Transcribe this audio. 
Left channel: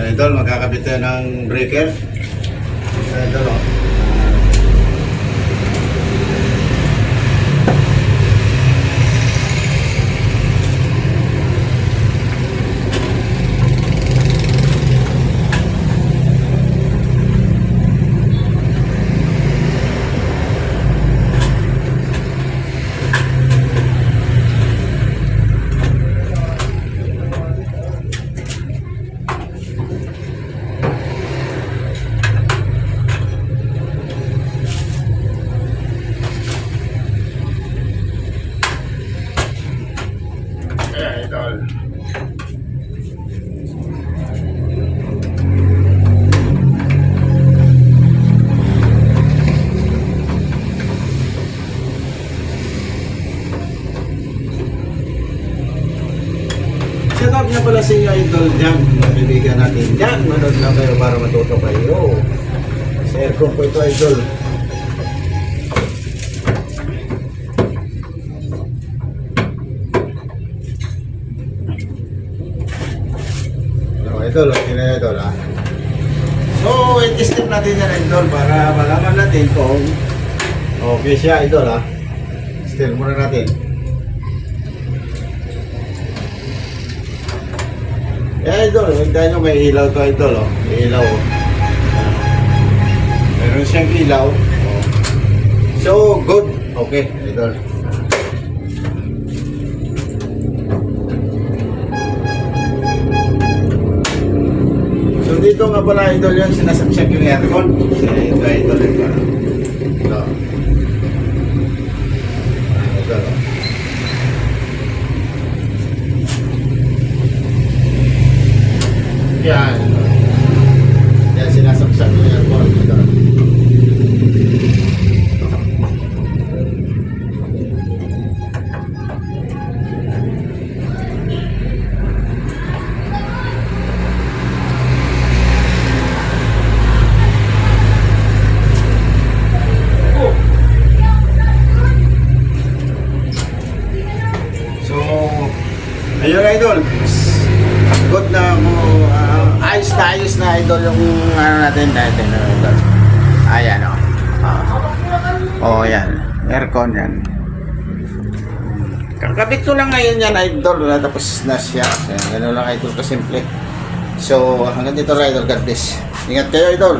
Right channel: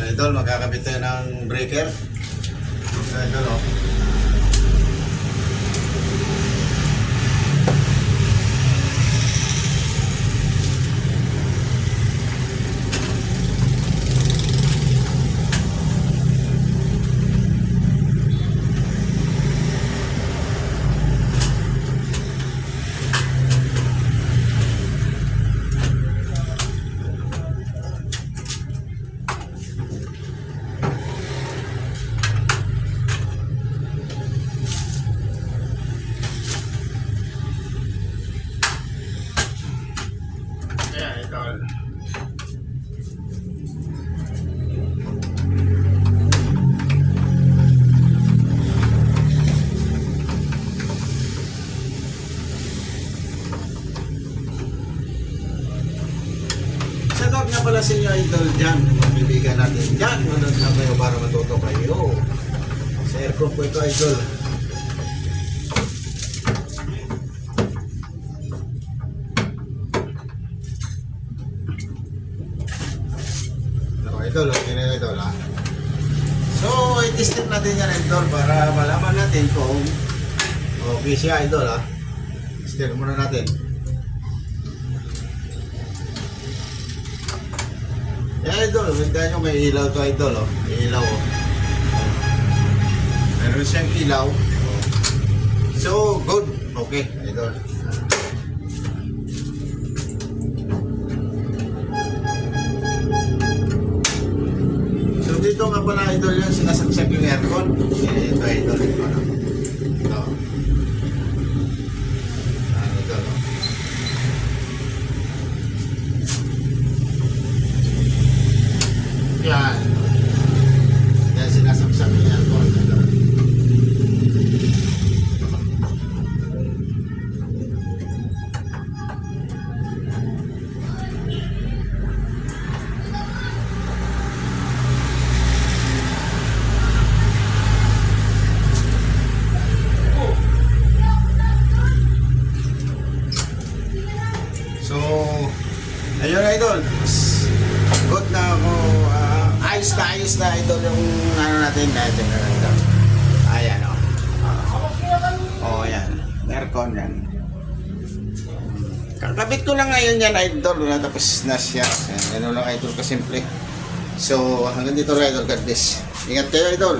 Idol, magkakabit tayo ng breaker. Idol, oh. Idol. Shout out nga pala sa inyo, Idol Jam, kaibigan natin dyan. Manood lang kayo para matuto kayo. Sa aircon po ito, Idol. Idol, okay na Idol, ha. So, i-test natin yan, Idol, para malaman natin kung okay siya, Idol, ha. Test muna natin. Yan, Idol, hintayin nyo may ilaw to, Idol, oh. May ilaw, oh. Meron siyang ilaw, oh. So, good. Okay, Idol. Dito nga pala, Idol, yung sinasaksak yung aircon. Ito, Idol, ito. Ito. Ito. Yan. Yan, sinasaksak yung aircon. Ito. Ayun, Idol, good na ako, ayos na Idol yung ano natin, Idol. Ayan, yan, aircon yan. Kakabit ko lang ngayon yan, Idol, tapos na siya. Gano'n lang, Idol, kasimple. So, hanggang dito lang, Idol, God bless. Ingat kayo, Idol.